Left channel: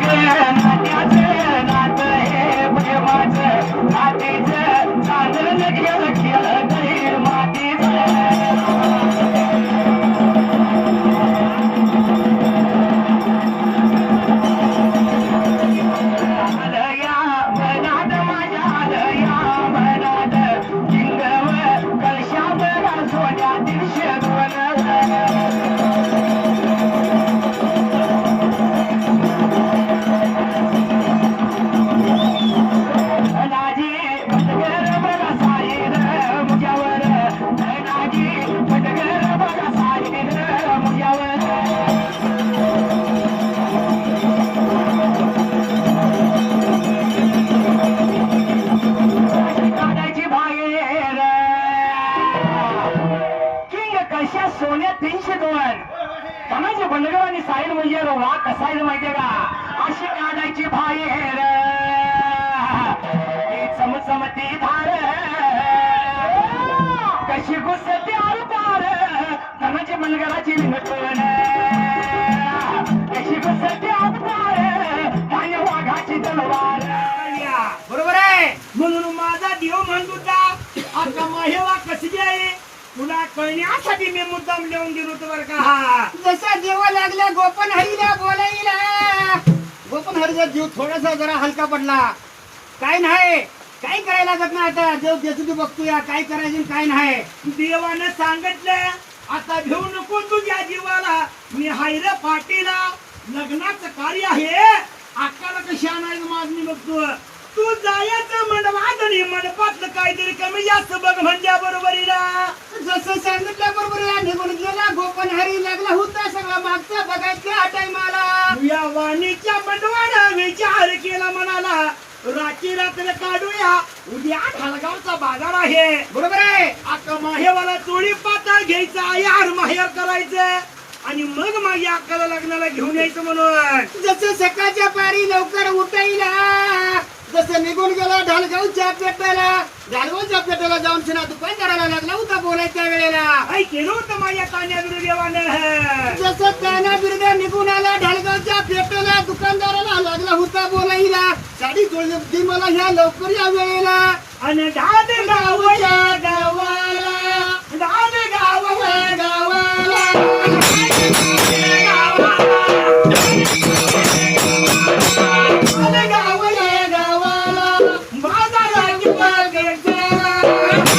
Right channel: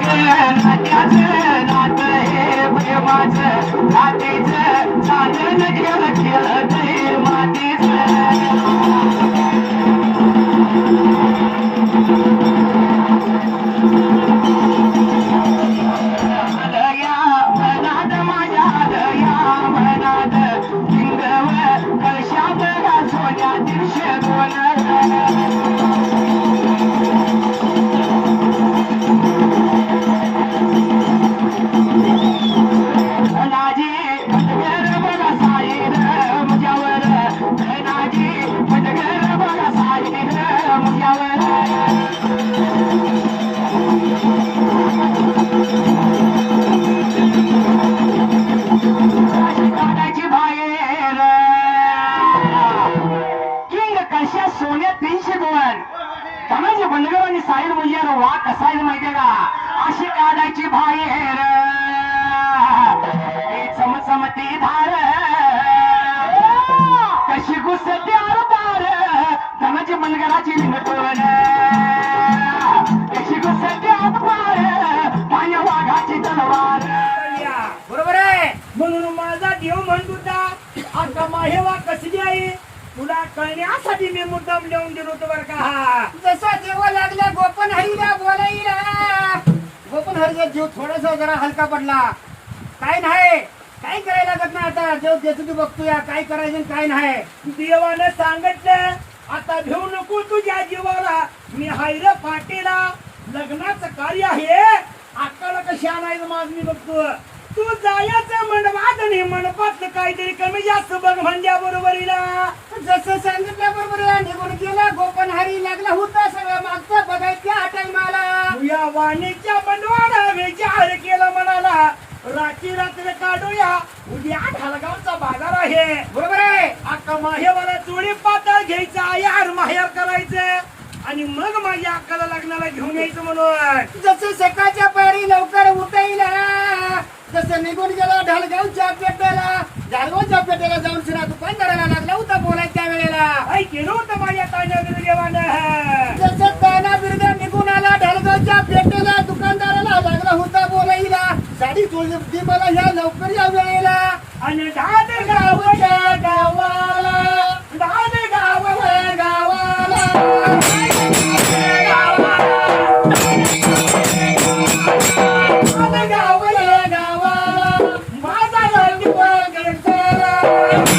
नात्याचं नातं हे प्रेमाचं नातीचं चांगलं केलं कशा सोन्या तीनशे दोन. समज बंडगर आणि साईड म्हणजे वा कसा आहे माहितीये का? अशी काढायची भाई हेर चमचमती धार. कशी गुसते आर पार धनाची मनगराची विनपवन कशी घुसते आर पार धान्य वाघाची तलवार. बरोबर आहे. म्हणून माझा देव म्हणत होता आता माहेवा कसली आहे? तुला कळण्यासाठी मी मुद्दाम लिहून दिलो होतो बरं का. हा जसा जेव्हा लागला गोपन हरीला बोलायला. गोपन हरीचा जीव थोडासा जरा हलका पडला. काय नाही काय करायला लागत नाही आता? देव देतो तू बघतोय काय करायचं आणि काय नाही. देवानं सांगितलं आता घेऊ नको तुझ्या जीवाला. मी हायर पाटीला लग्नाचं कार्य आहे. अक्काला कशी आणायचं माझ मी बघतो तू जायचं मंडपात म्हण फक्त काहीतरी कमी जास्त बघ म्हणल्या बरोबरीला जसं सांगितल्या बरोबर निघून गेला गोपन हरी लागला होता सगळा मागचा बघायचा हा टायमाला. या वाणीच्या मंडवाडा विचार केला म्हणाला रात्री रात्र काढूया उद्या ढालगावचा बाजार आहे. बरोबर आहे? आता माहेवाला चोळी पातळ घ्यायचा यार माहेर करायचं. आणि मग माझ्या अक्काला लग्नाला घेऊन यायचं म्हणून. जसं सकाळच्या पारी लवकर उठायला. जसं निघून गेला ढालगावच्या पेट्याला झाडगावच्या पेट्याला जाऊन सुना दुकानदाराला लागला होता बोलायच्या वेळेला? आई केलं होतं माझ्या तान्या देवानं जसं ताना बिरद निघून आला ढालगावच्या पेट्याला दुकानदाराला लागला होता बोलायला. साडी जुळली मला ह्या लवकर या वेळेला. आणि ढाल गावच्या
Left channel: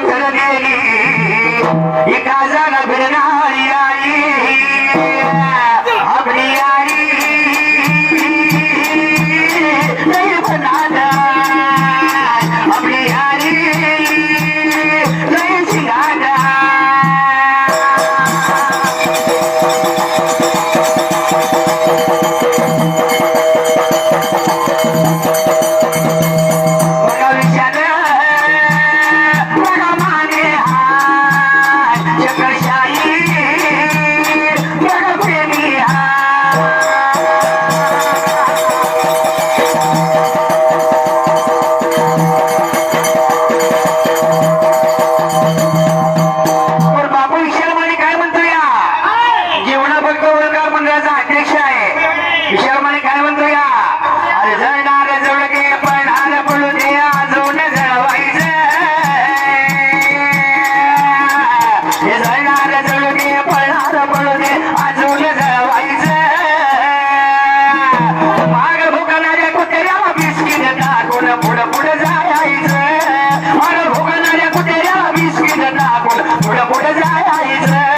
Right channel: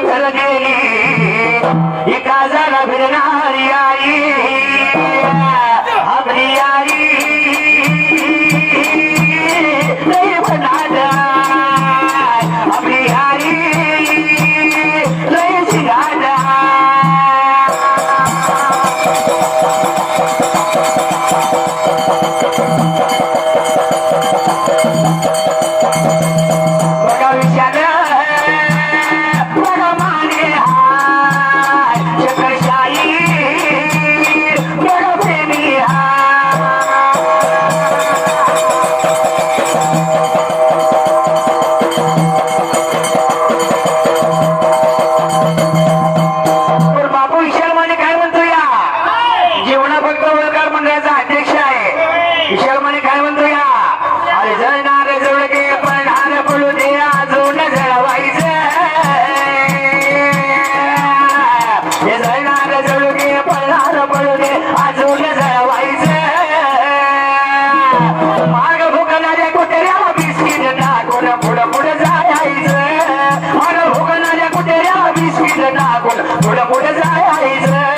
ভেবে जळू दे पळणार पळू अजून जळवायचं. माग भुकणाऱ्या कुत्र्या बिस्किट टाकून पुढं पुढे जायचं. माग भुकणाऱ्या कुत्र्या बिस्किट टाकून पुढं पुढे जायचं.